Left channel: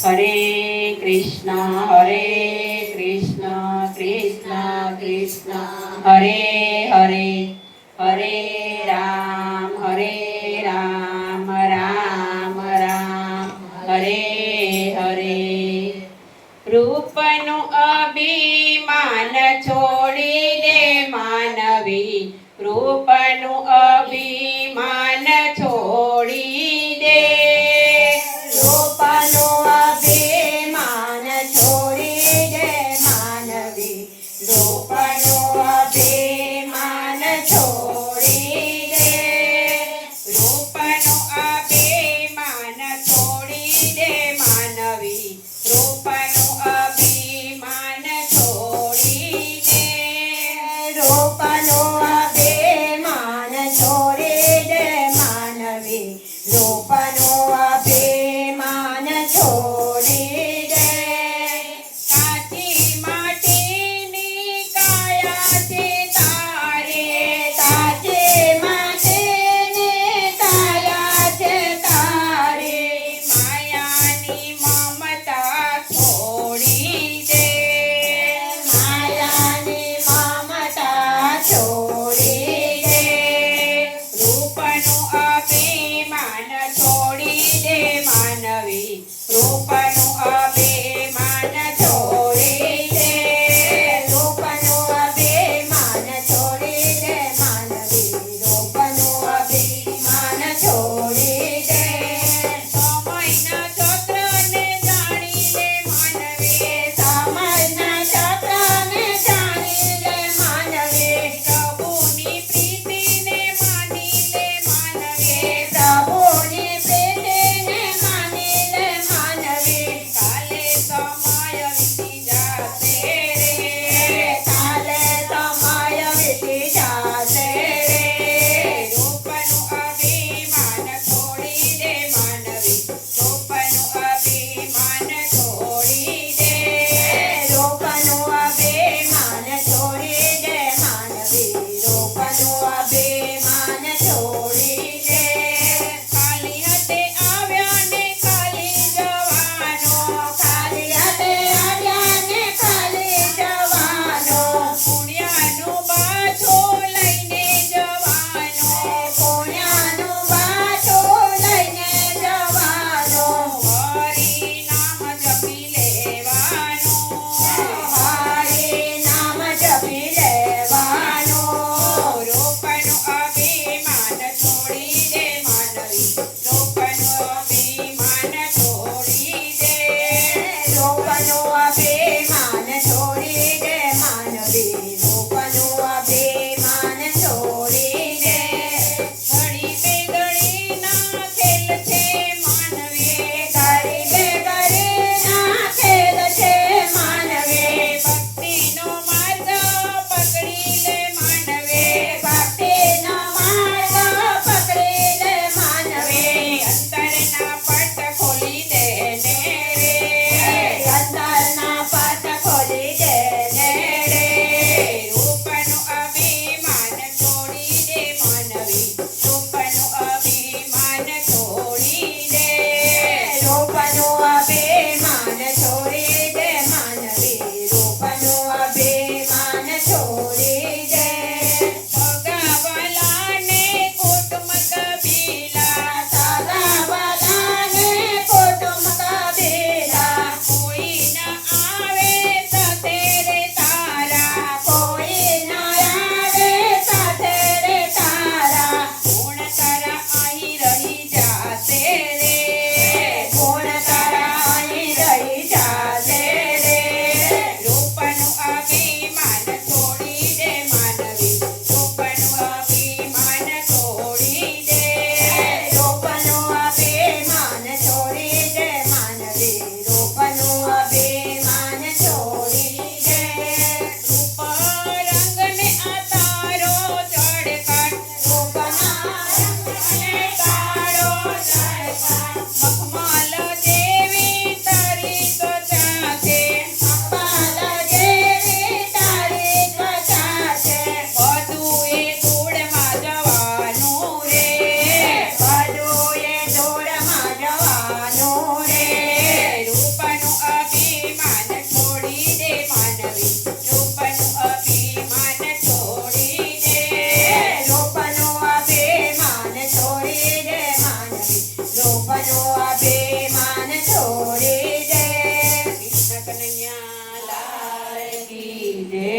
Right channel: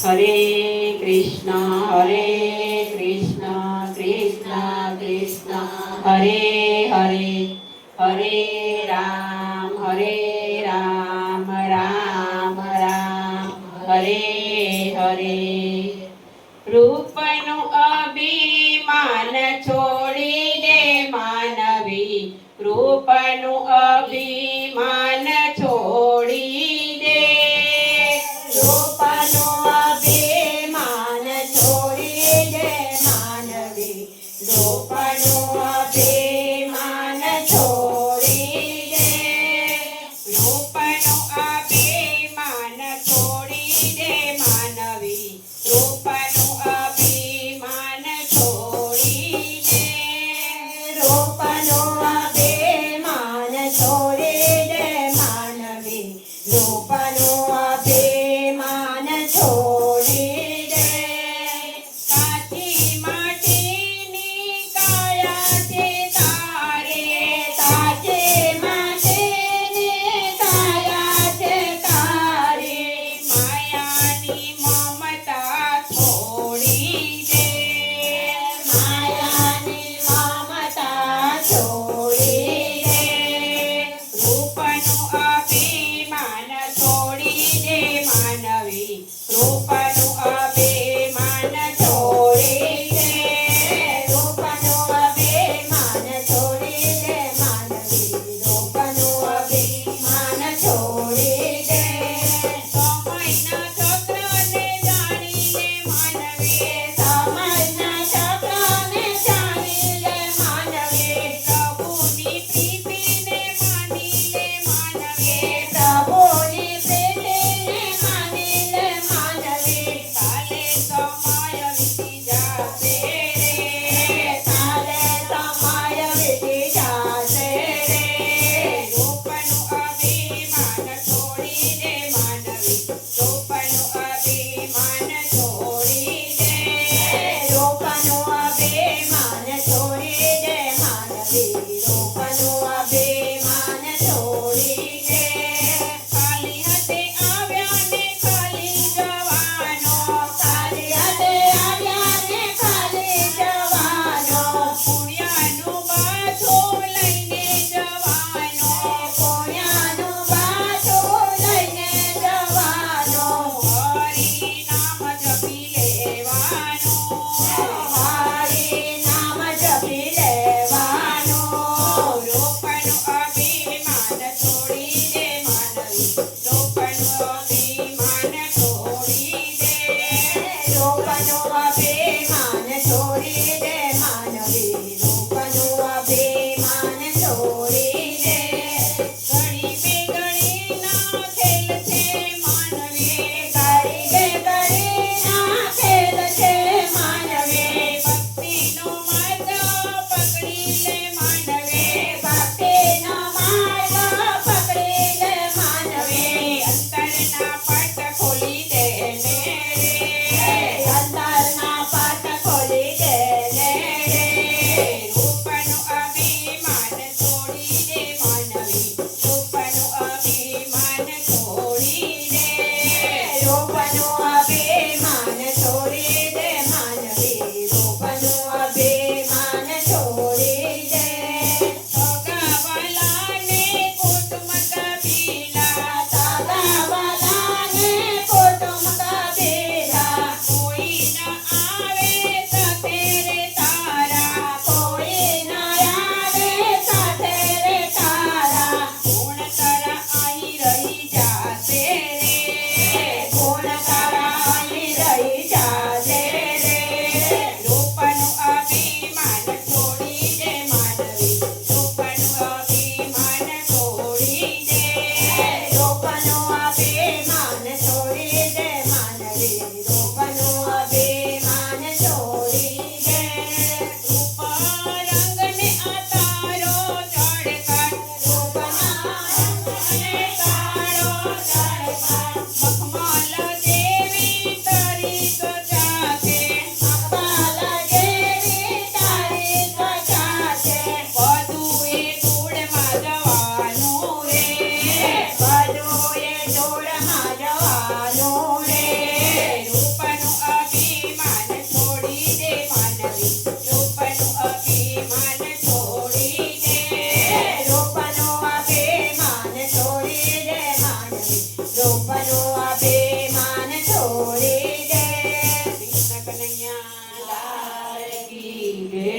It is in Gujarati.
હરે કૃષ્ણ કૃષ્ણ કૃષ્ણ હરે હરે હરે રામ રામ રામ હરે હરે રૂપનું અભિમાન છોડી દે માનવી રૂપનું અભિમાન છોડી દે રૂપનું અભિમાન છોડી દે માનવી રૂપનું અભિમાન છોડી દે રૂપનું અભિમાન છોડી દે માનવી રૂપનું અભિમાન છોડી દે રૂપનું અભિમાન છોડી દે માનવી રૂપનું અભિમાન છોડી દે કાચી માટીની કાયા છે તારે કાચી માટીની કાયા છે તારે માયાની મમતા છોડી દે માયાની મમતા છોડી દે રૂપનું અભિમાન છોડી દે માનવી રૂપનું અભિમાન છોડી દે રૂપનું અભિમાન છોડી દે માનવી રૂપનું અભિમાન છોડી દે સમયના ચક્રને જાણી લે માનવી સમયના ચક્રને જાણી લે માનવી પ્રભુની પ્રીતિને માની લે માનવી પ્રભુની પ્રીતિને માની લે માનવી કાલે સમય વીતી જાશે રે કાલે સમય વીતી જાશે રે રૂપનું અભિમાન છોડી દે માનવી રૂપનું અભિમાન છોડી દે રૂપનું અભિમાન છોડી દે માનવી રૂપનું અભિમાન છોડી દે કાલી હતે આવ્યા ને કાલી જવાનો કાલી હતે આવ્યા ને કાલી જવાનો પુણ્યનું બાથું લઈને જવાનો પુણ્યનું બાથું લઈને જવાનો હરિ નામ જપી લેવાનું હરિ નામ જપી લેવાનું રૂપનું અભિમાન છોડી દે માનવી રૂપનું અભિમાન છોડી દે રૂપનું અભિમાન છોડી દે માનવી રૂપનું અભિમાન છોડી દે ઘડી બેગડીના ખેલ છે માનવી ઘડી બેગડીના ખેલ છે માનવી ભક્તિનો માર્ગ પકડી લે માનવી ભક્તિનો માર્ગ પકડી લે માનવી અંતરના પટ ખોલી દે ને રે અંતરના પટ ખોલી દે ને રે રૂપનું અભિમાન છોડી દે માનવી રૂપનું અભિમાન છોડી દે રૂપનું અભિમાન છોડી દે માનવી રૂપનું અભિમાન છોડી દે સગાવાલાને કુટુંબ કબીલા સગાવાલાને કુટુંબ કબીલા કોઈ ન આવે સાથે રે તારા કોઈ ન આવે સાથે રે તારા ગુણ તારા અહીં રહી જાશે રે ગુણ તારા અહીં રહી જાશે રે રૂપનું અભિમાન છોડી દે માનવી રૂપનું અભિમાન છોડી દે રૂપનું અભિમાન છોડી દે માનવી રૂપનું અભિમાન છોડી દે રૂપ રંગને આ તારો ચડકાટ રૂપના રંગને તારો ચડકાટ મખમલ જેવી તારી ત્વચા છે મખમલ જેવી તારી ત્વચા છે બધું એ ધૂળમાં જવાનું રે બધું એ ધૂળમાં જવાનું આવવાનું રે રૂપનું અભિમાન છોડી દે માનવી રૂપનું અભિમાન છોડી દે રૂપનું અભિમાન છોડી દે માનવી રૂપનું અભિમાન છોડી દે કૃષ્ણ કનૈયા લાલ કી જય